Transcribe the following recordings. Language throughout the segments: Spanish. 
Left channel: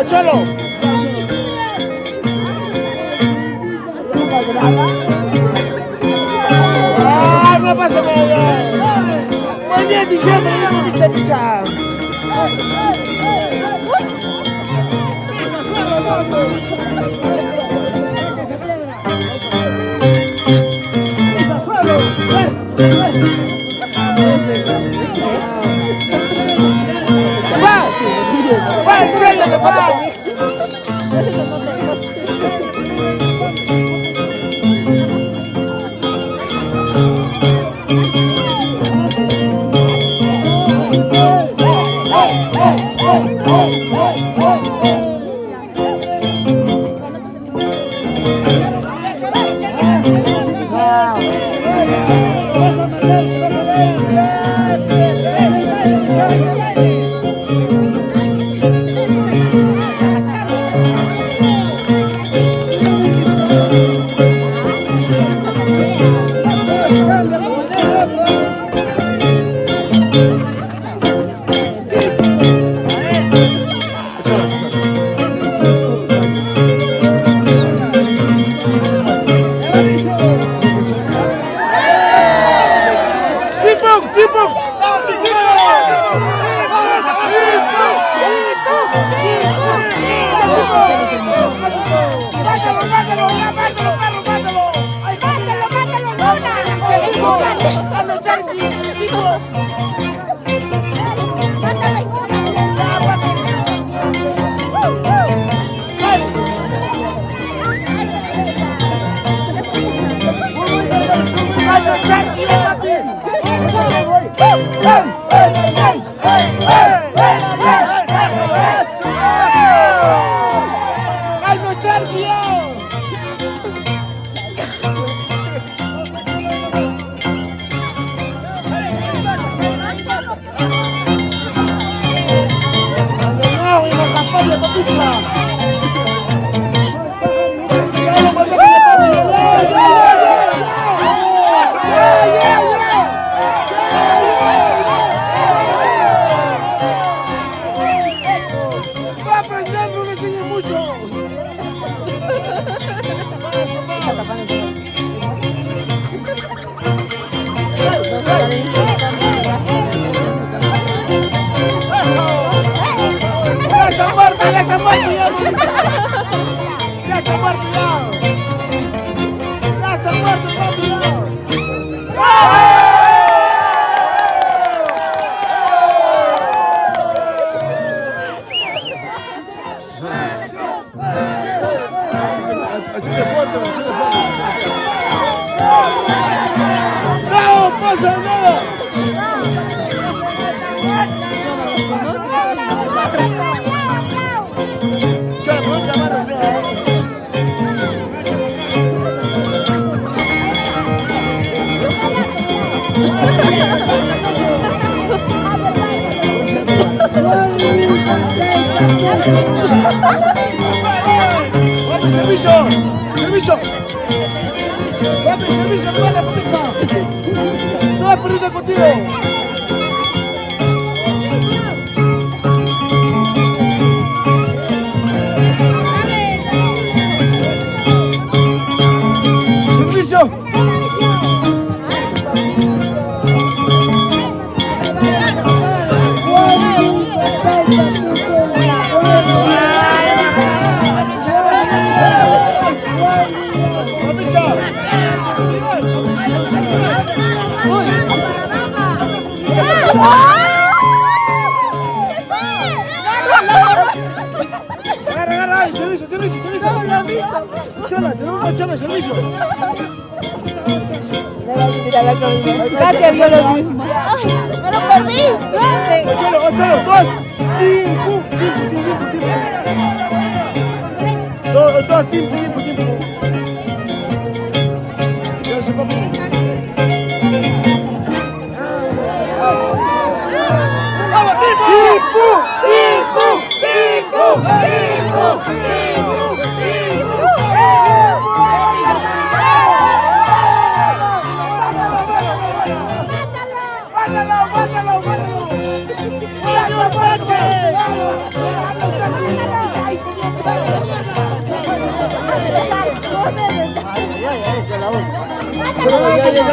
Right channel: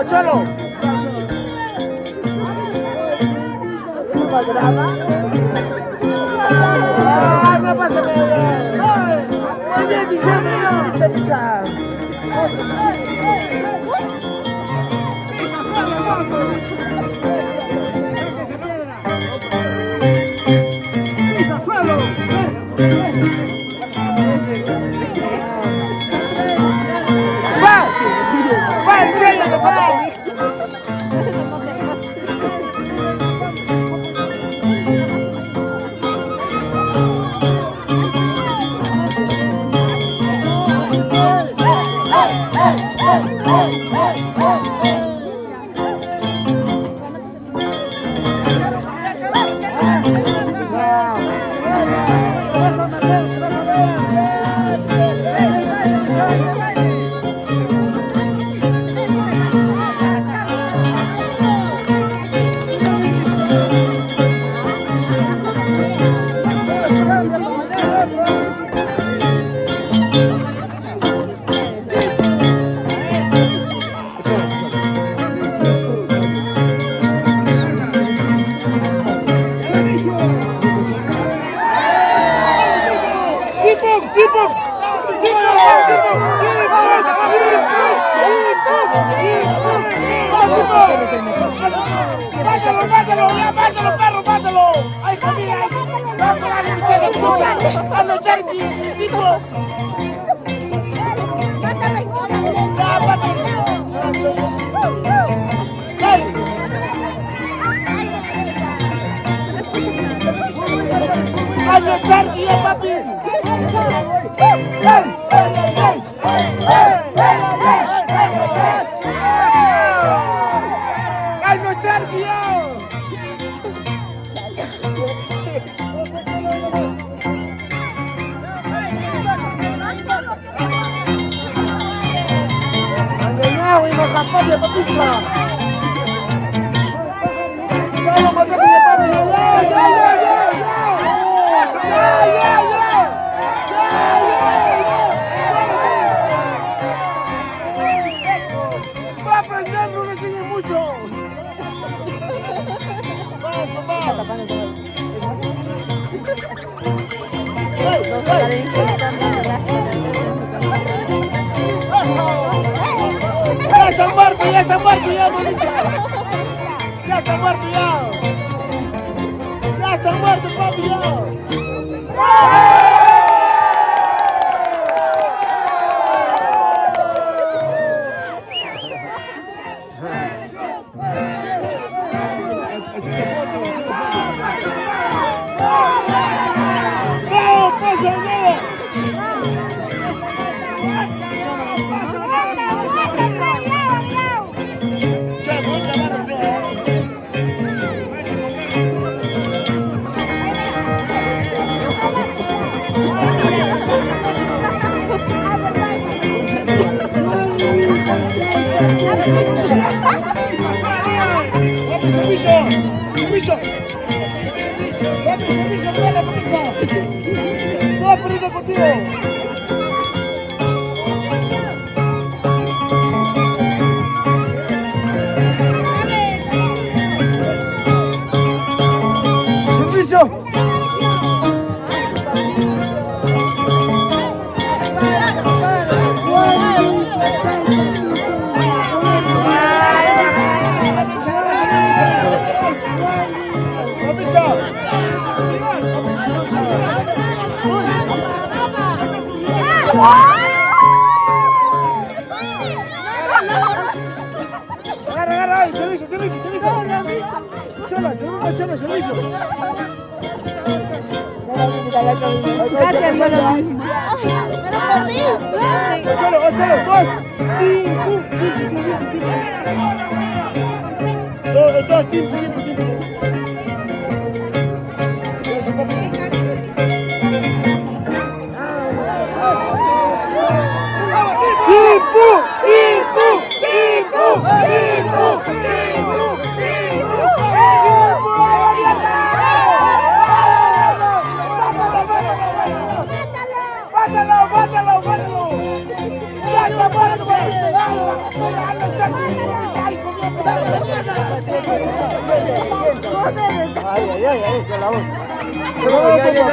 ¡Échalo! ¡Ay, no pasa nada! Muy bien, diciembre, pisa.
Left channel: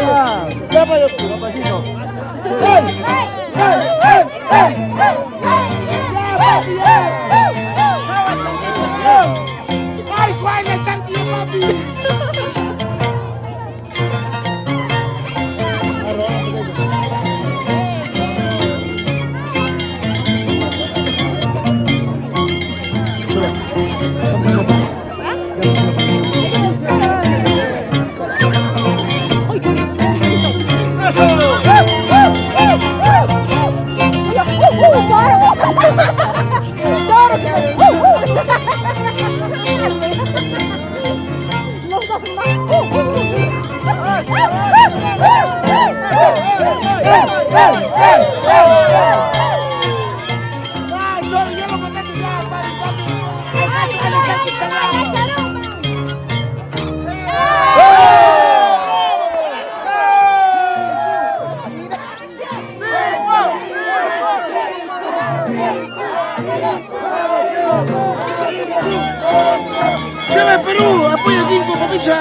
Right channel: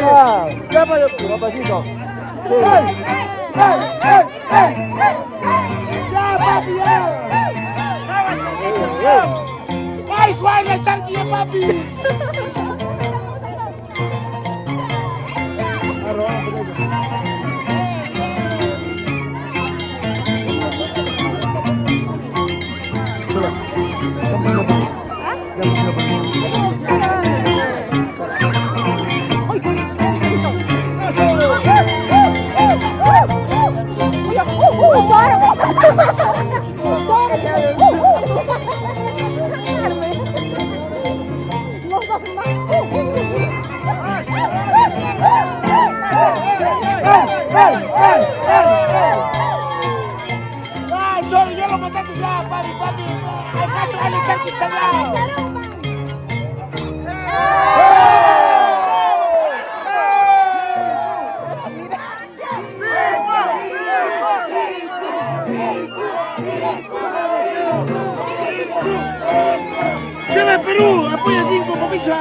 Ya vaya, ¡ay! ¡Ay! ¡Ay! ¡Ay! ¡Ya, papi! ¡Ay, Juan, el charquillo, papi! ¡Viva Perú! ¡Apoya Tinco, Papisa!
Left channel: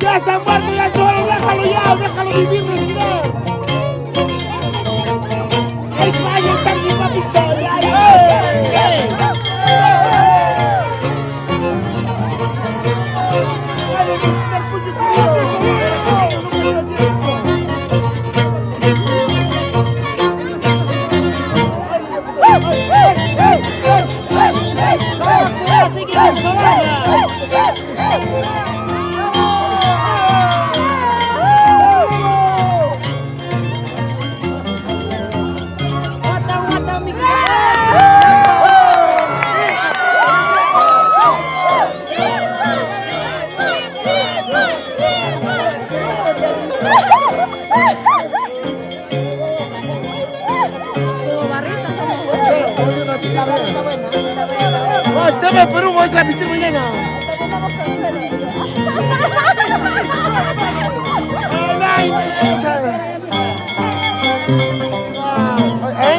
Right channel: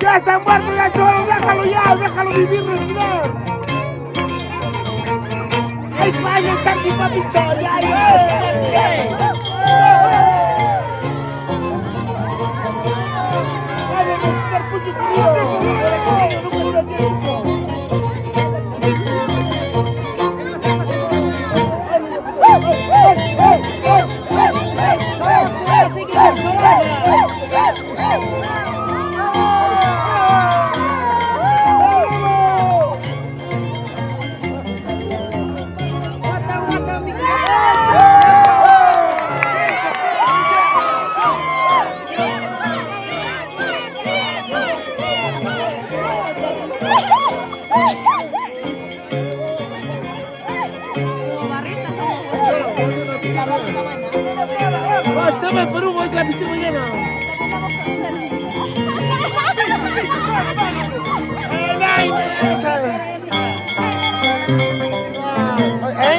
¡Ya está muerto, ya Cholo! ¡Déjalo vivir, respirar! ¡Ay, vaya, está mi papi Cholo! Perú, vamos a transmitir mañana.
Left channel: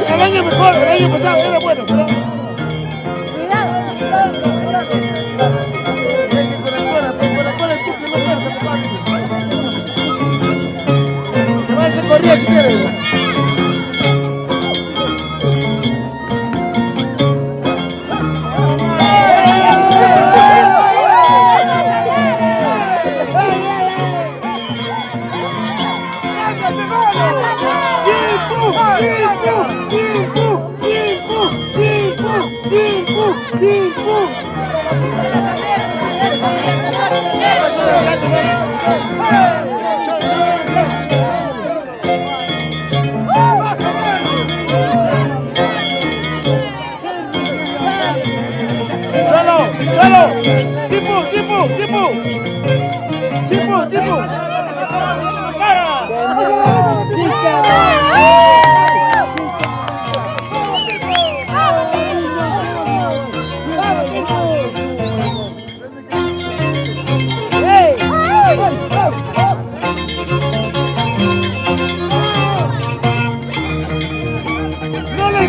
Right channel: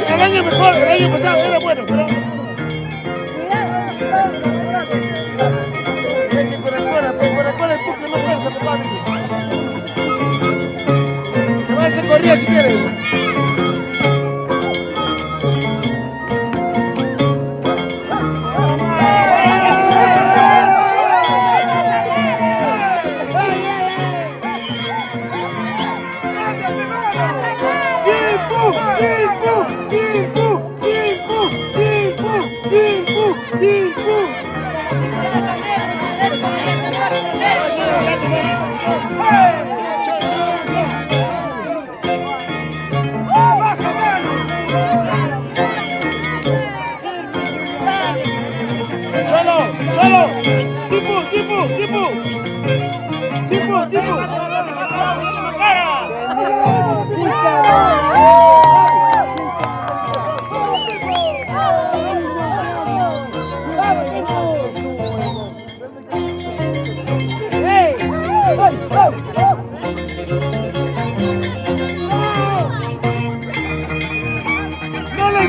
El año mejor, el año pasado era bueno, pero... Te vas a hacer corrida si quieres.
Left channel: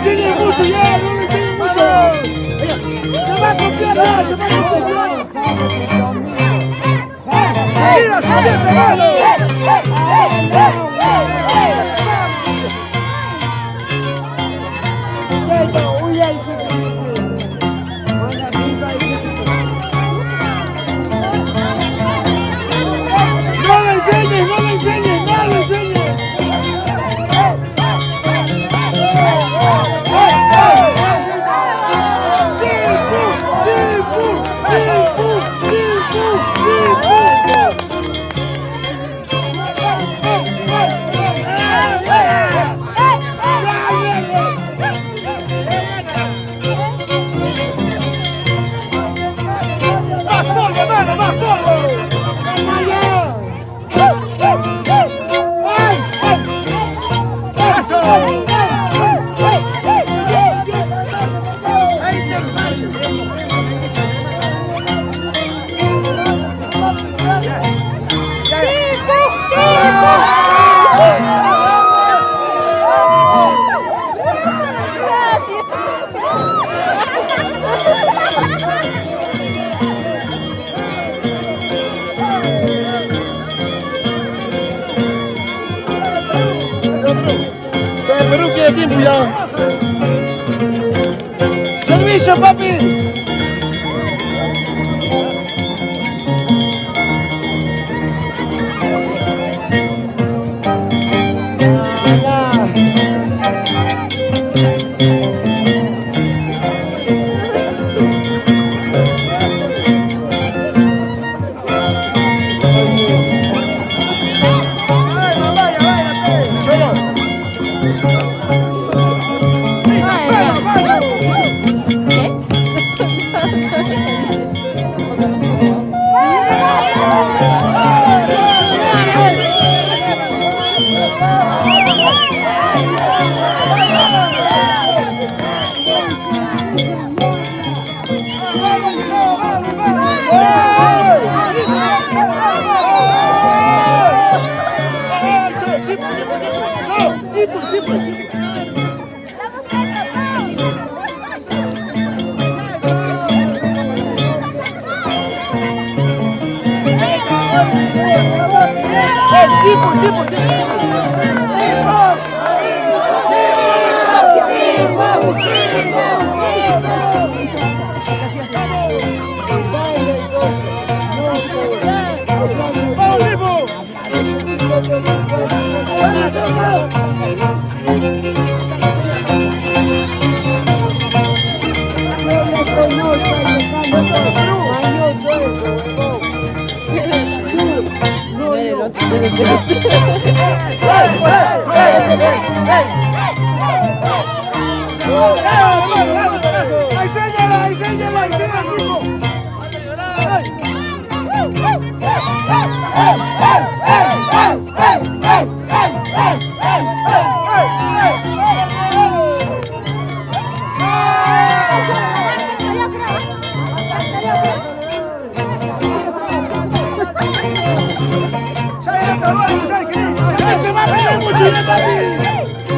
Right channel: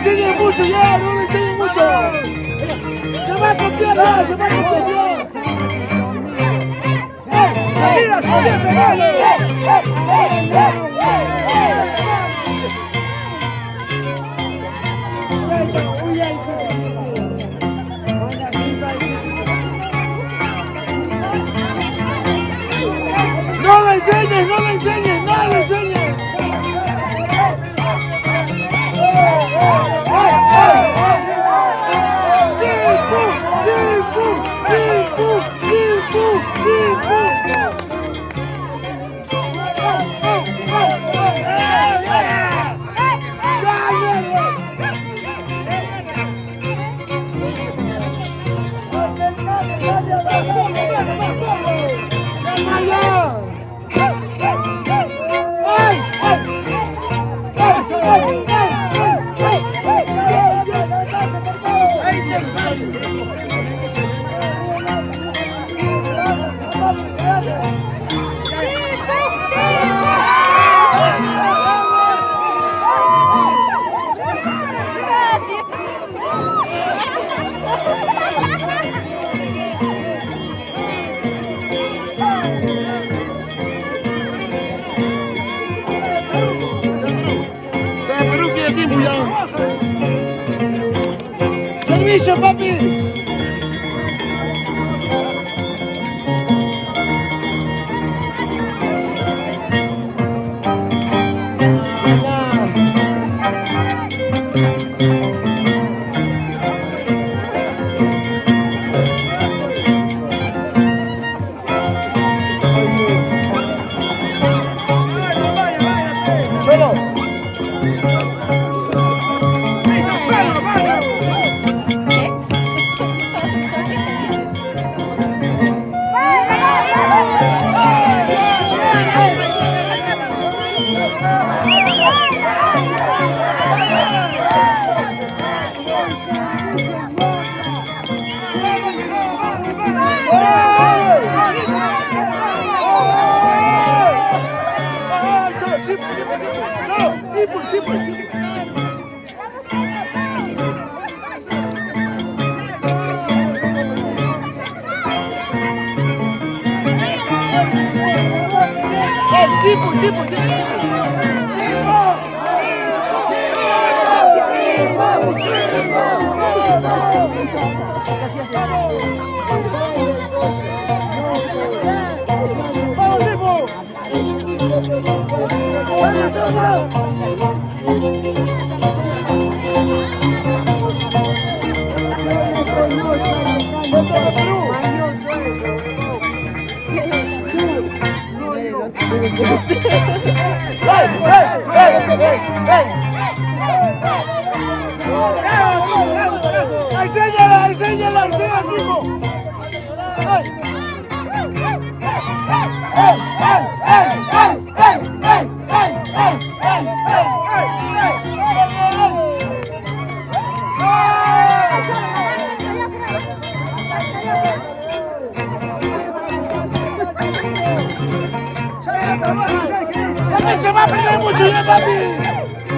enseñes mucho ya, no le enseñes mucho. Se va a copiar, se va a copiar. Mira, subir, pegalo. No le enseñes, no le enseñes, no le enseñes. Perú quiere tiempo ya. Servicio, papi.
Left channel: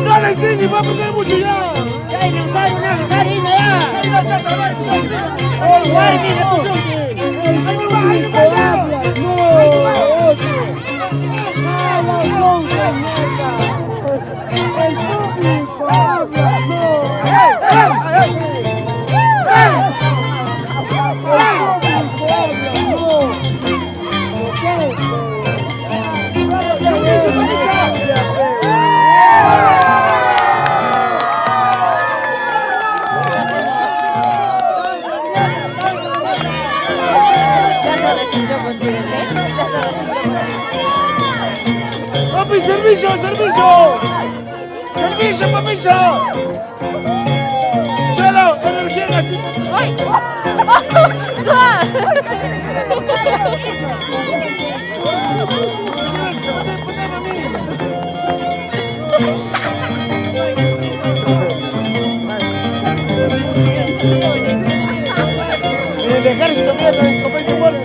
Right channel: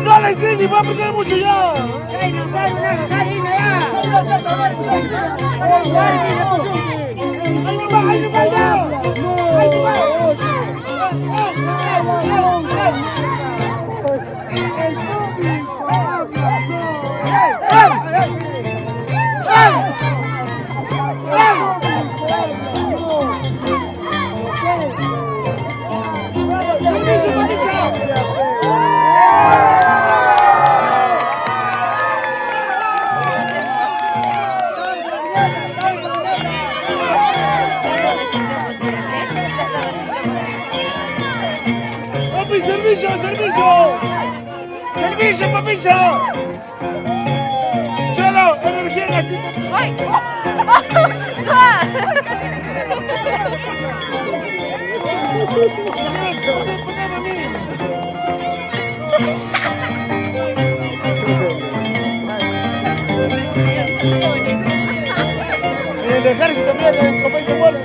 No le enseñes, va a perder mucho ya. Papi, servicio, servicio. Servicio, papicho. Chelo, energía en la...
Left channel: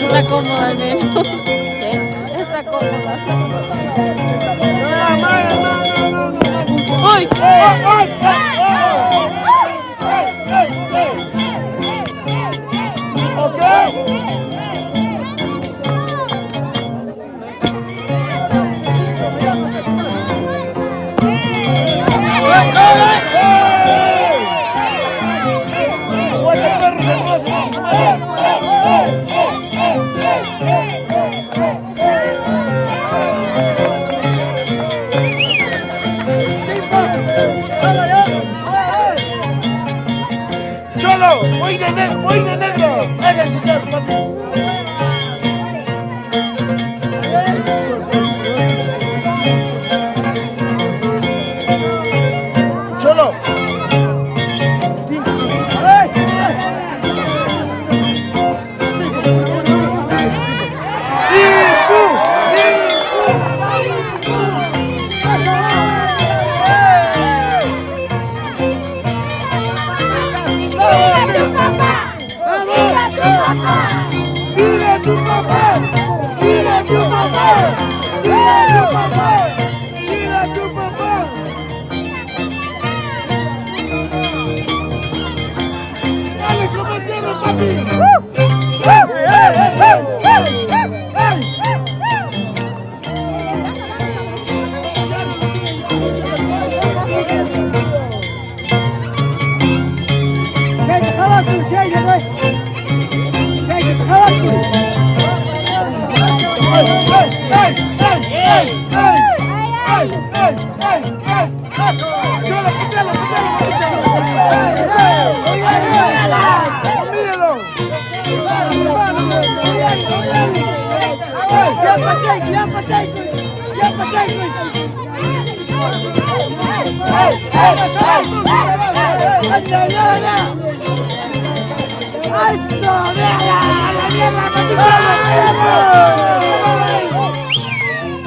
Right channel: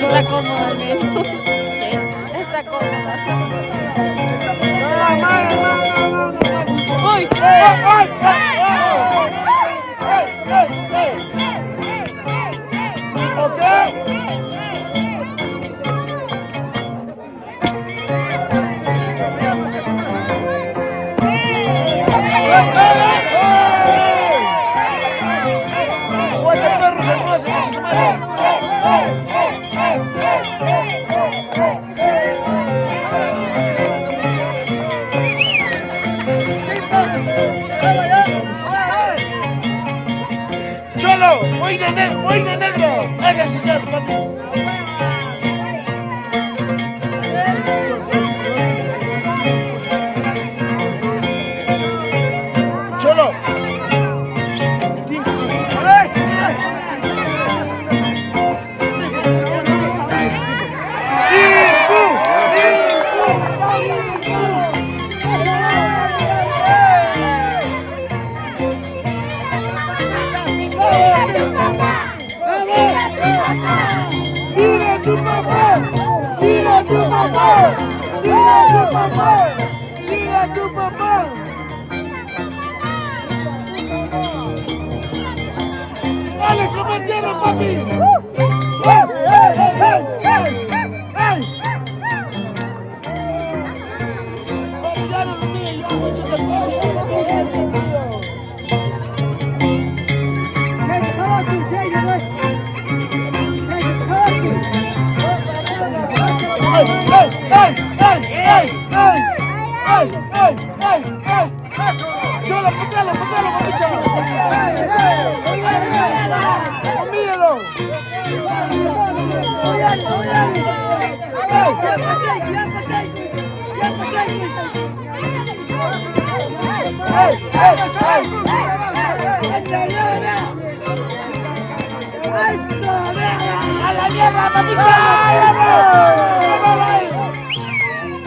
Está cómoda al menos. Está cómoda. No, no, no, no, no, no. ¡Uy! ¡Ay, ay, ay! Cholo, boina negro. Ese señor, papi. Cholo. ¡Mira tu papá! ¡Mira tu papá! ¡Mira tu papá! ¡Mira tu papá! ¡Dale, compañero, papi!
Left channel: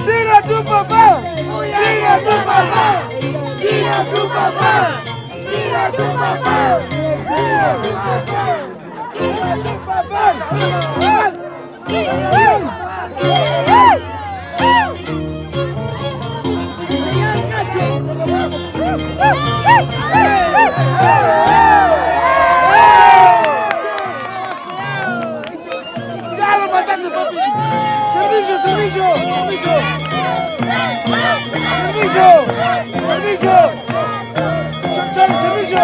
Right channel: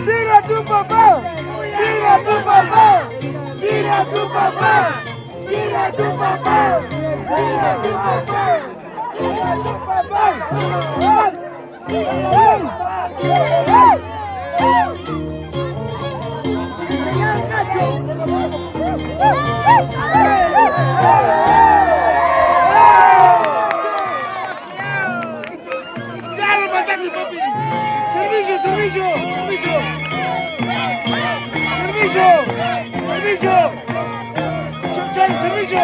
¡Mira tu papá! ¡Mira tu papá! ¡Mira tu papá! ¡Mira tu papá! ¡Mira tu papá! ¡Mira tu papá! ¡Ya lo mataste, papi! ¡Servicio, servicio! ¡Servicio! ¡Servicio! ¡Servicio! ¡Chon, servicio!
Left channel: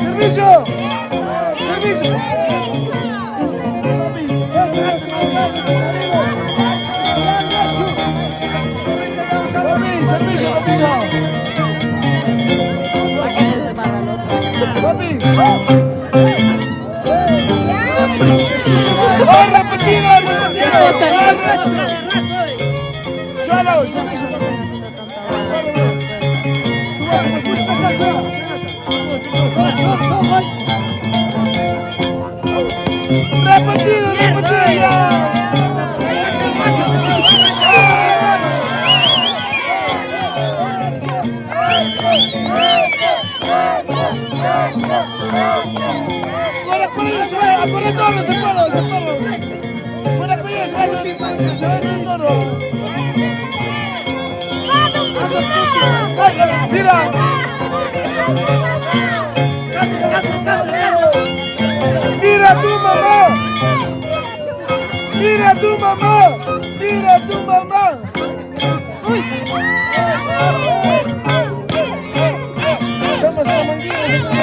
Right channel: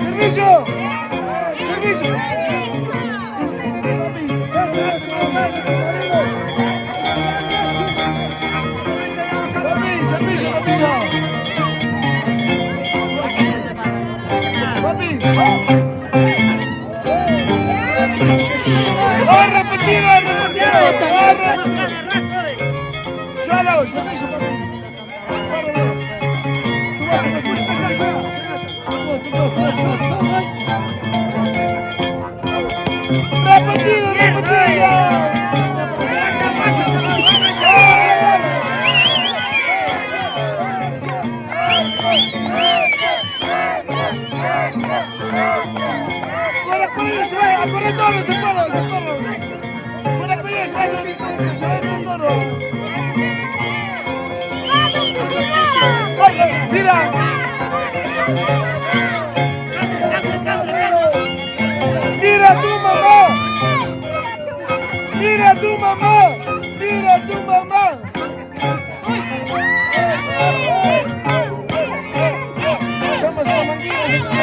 ¡Servicio! ¡Servicio! Papi, servicio, servicio. Papi. ¡Oh, repetido, repetido! ¡Cholo, servicio, papi! ¡Repetido, repetido! ¡Fuera todo ese perro, ese perro! ¡Fuera con eso, ese perro! ¡Mira! ¡Mira tu mamá! ¡Mira tu mamá! ¡Mira tu mamá! Somos comanditos.